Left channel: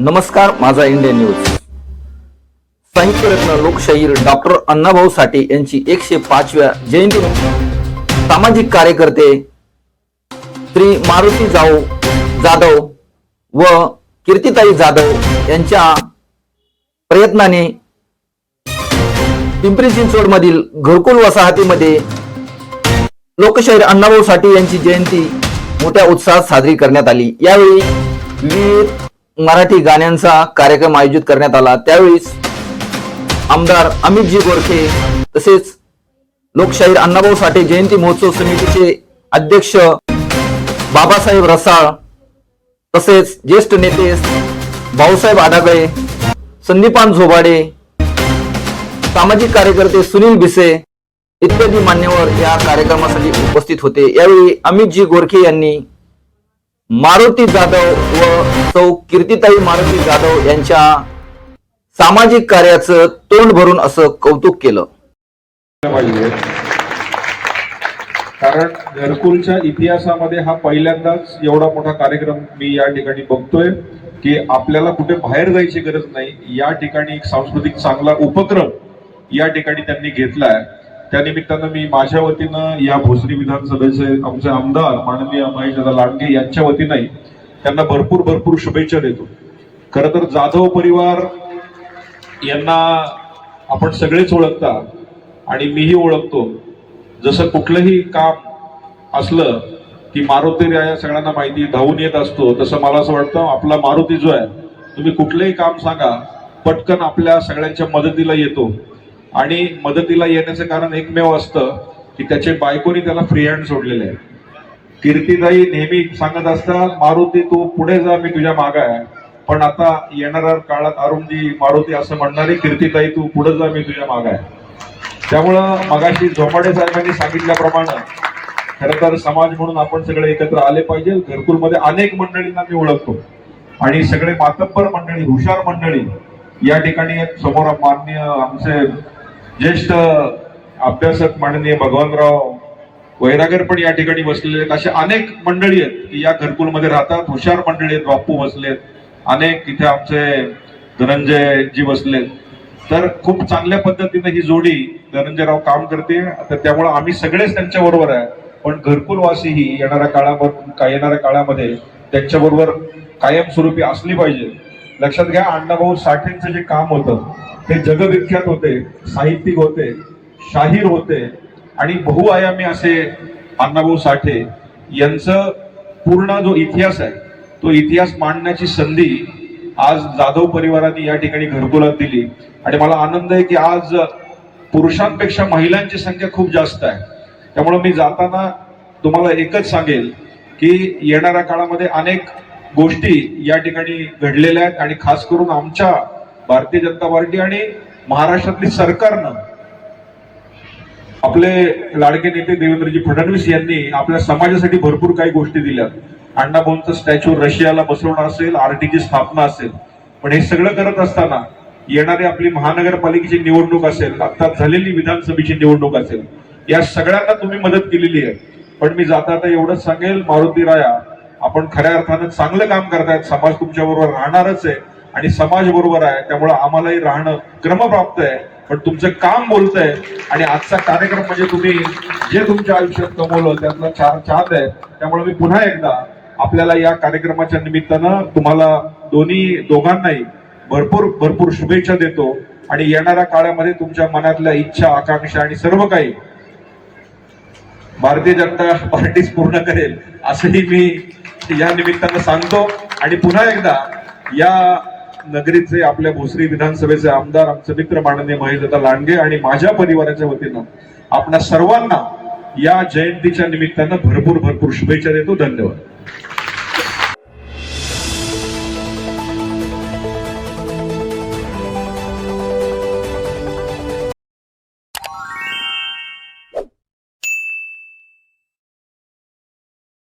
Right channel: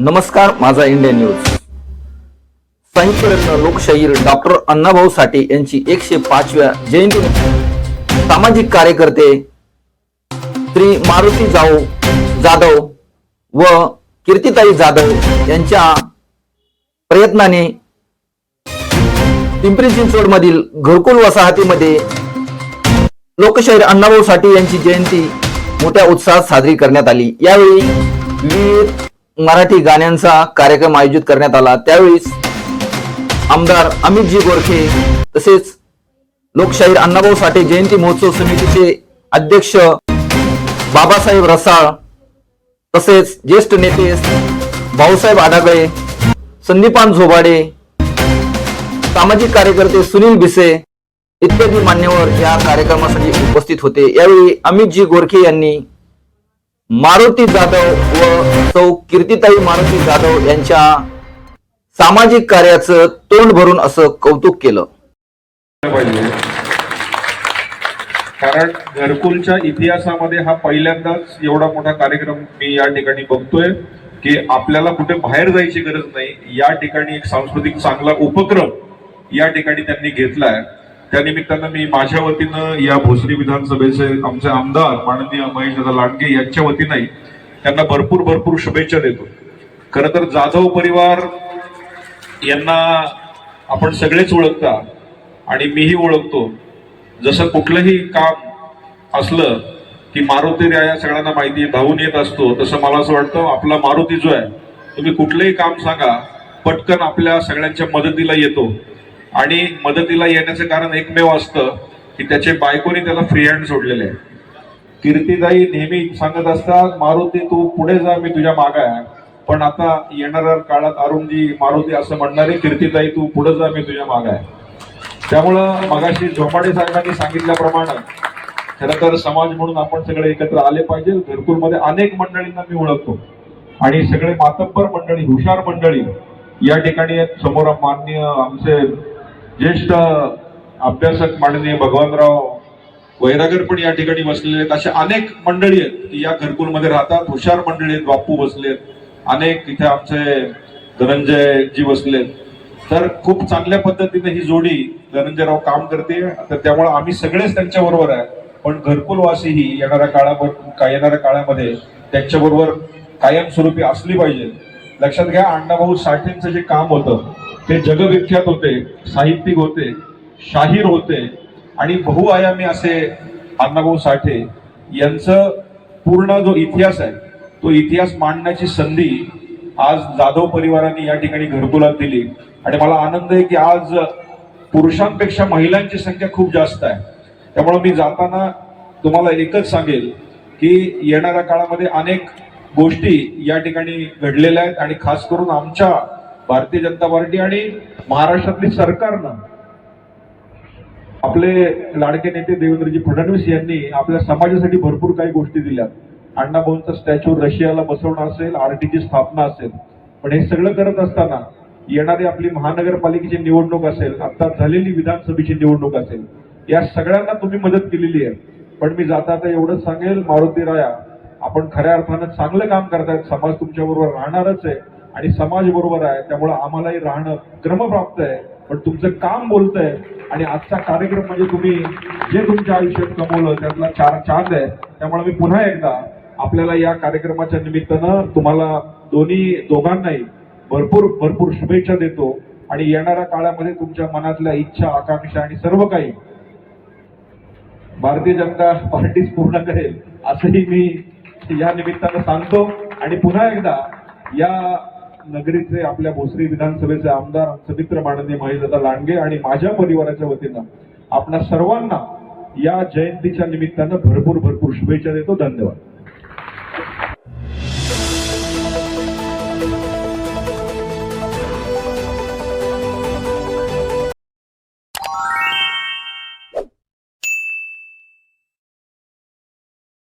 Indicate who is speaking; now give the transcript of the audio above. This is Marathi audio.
Speaker 1: नमस्कार माझा इंडिया न्यूज. साहित्यरत्न लोकशाहीर डॉक्टर अण्णाभाऊ साठे यांची एकशे पाचव्या जयंती. सामाजिक कार्यकर्ते श्री मारुती जाऊ जाधव व कीर्तिताई जाधव यांच्या प्रयत्नाने पिंपरी चिंचवड मधील घरकुल वसाहतीमध्ये लोकशाहीर अण्णाभाऊ साठे यांची जयंती मोठ्या उत्साहात साजरी करण्यात आली. यावेळी विविध मराठी गाण्यांचा कार्यक्रम आयोजित करण्यात आला. त्यावेळी आमदार अमितजी गोरखे तसेच लोकशाहीर अण्णाभाऊ साठे जयंती महोत्सव समितीचे अध्यक्ष बाबासाहेब रसाळ तसेच ज्येष्ठ नेते भाऊसाहेब आढागळे संदीपान झोबाडे सामाजिक कार्यकर्ते सुनील भिसे इत्यादी मान्यवर या कार्यक्रमासाठी उपस्थित होते. यावेळी अमितजी गोरखे यांनी मारुती जाधव व सौ कीर्तिताई मारुती जाधव यांच्या सामाजिक कार्याचं तोंड भरून असं कौतुक केलं.
Speaker 2: कारण घरकुलच्या इतिहासामध्ये हा पहिल्यांदाच एवढा मोठा कार्यक्रम मी या ठिकाणी बघतोय की आपल्याला कुठे बाहेर जायची गरज नाही. या ठिकाणी एक सांस्कृतिक चांगला उपक्रम या ठिकाणी त्यांनी घेतलाय. त्या निमित्तानं मी माझ्या वतीनं या भोसरी विधानसभेचे आमचे आमदार माननीय महेशदादा लांडगे यांच्या वतीनंही त्यांना भरपूर भरपूर शुभेच्छा देतो. खर तर जाधव परिवार यांना आपण सगळेच ओळखता आणि मीही ओळखतो. जसं कुठलंही काम असलं की मारुती या सगळ्यांना माहिती धावून येत असतो तसं मला असं वाटतं आपला मारुती जो आहे तुम्ही कुठलंही काम सांगा पटकन आपल्या सगळ्यांच्या मदतीला येतो. आणि मदतीला येण्याचं कारण एकमेव असतं की त्याचे बायकोनी त्याला फ्री हँड सोडलेले आहे. कीर्तिदाई नेहमी सांगत असतात मारुती तू पुढे जा मी तुझ्या मागा आहे. पण आता येणाऱ्या काळात अरुणजी मारुती असं म्हणणारे कीर्तिताई तू पुढे जा मी तुझ्या माग आहे. त्यामुळं मगाशी झोपाडे साहेबांनी सांगितल्याप्रमाणे खरं तर समाज म्हणून आपण सगळे एकत्र आले पाहिजे. घरकुलमध्ये अनेक मंडळींना मी ओळखतो. आणि सगळे मातब्बर मंडळी हुशार मंडळी या ठिकाणी समोर माननीय आमचे ज्येष्ठ अभ्यासक माननीय भगवानराव वैरागर पण या ठिकाणी बसलेले आहेत. असे अनेक मंडळी आहेत की या घरकुलमध्ये राहतात. हुशार मंडळी आहेत बापू बसलेत अनेक इथे आमचे धनंजय जी बसलेत तर खूप चांगल्या पद्धतीने ही जोडी धनंजयराव काम करते. तर त्यामुळे आम्ही सगळेच त्यांच्या बरोबर आहे. पण घरकुलवासी ही येणाऱ्या काळामध्ये येणाऱ्या काळामध्ये त्यांच्याबरोबर कायमस्वरूपी असली पाहिजे. लक्षात घ्या अण्णाभाऊ साठेंचं जे काम होतं हे जगविख्यात होते साहित्यिक होते शाहीर होते आणि बहुआयामी असे अण्णाभाऊ साठे यांचं पूर्ण जो इतिहास आहे तो इतिहास मांडण्याची संधी आज जाधव परिवाराने या ठिकाणी घरकुलात दिली. आणि मला आनंद आहे की आज पुरुषांपेक्षा महिलांची संख्या खूप जास्त आहे. त्यामुळे मी जाताना तुम्हाला एकच सांगेल की येणाऱ्या काळामध्ये अनेक गोष्टी या ठिकाणी घडलेल्या आहेत आणि खास करून आमच्या भारतीय जनता पार्टी आणि महाराष्ट्रातली सरकारनं आपले लाडके नेते देवेंद्रजी फडणवीस यांनी आपल्या समाजासाठी भरपूर काही गोष्टी दिल्या अण्णाभाऊंचं स्टॅच्यू रशियाला बसवणं असेल आरटीची स्थापना असेल पण हे सगळं करत असताना येणारी आपली महानगरपालिकेची निवडणूक असेल आता झालेली विधानसभेची निवडणूक असेल या सगळ्यांना तुम्ही मदत केलेली आहे. पण मी जाता आता एवढंच सांगेल मारुती राया आपण खऱ्या अर्थानं चांगलं काम करतायत समाज तुमच्या बरोबर राहणारच आहे. आणि समाज बरोबर आहे त्यामुळे आम्हालाही राहणं क्रमप्राप्त आहे. पण तुमचं काम बोलतंय आणि आजचा कार्यक्रम म्हणजे तुम्ही जे तुमच्या आयुष्यात कमवलं त्यातला चार चांद आहे. त्यामुळे मी पुन्हा एकदा आपल्याला या कार्यक्रमाच्या निमित्तानं तुम्हाला दोन्ही दोघांनाही भरपूर भरपूर शुभेच्छा देतो. आणि येणाऱ्या काळामध्ये तुमच्या मनातल्या इच्छा आकांक्षा आणि सर्व काही भारतीय जनता पार्टीच पूर्ण करेल असंही मी या निमित्तानं सांगतो. आणि पुन्हा एकदा या नगरीचे आपल्या भोसरी विधानसभेचे आमदार आमचे मित्र माननीय महेशदादा लांडगे आणि माझ्या परिवाराच्या वतीनं आपल्या सर्वांना या जयंतीच्या निमित्तानं भरपूर भरपूर शुभेच्छा देतो. धन्यवाद.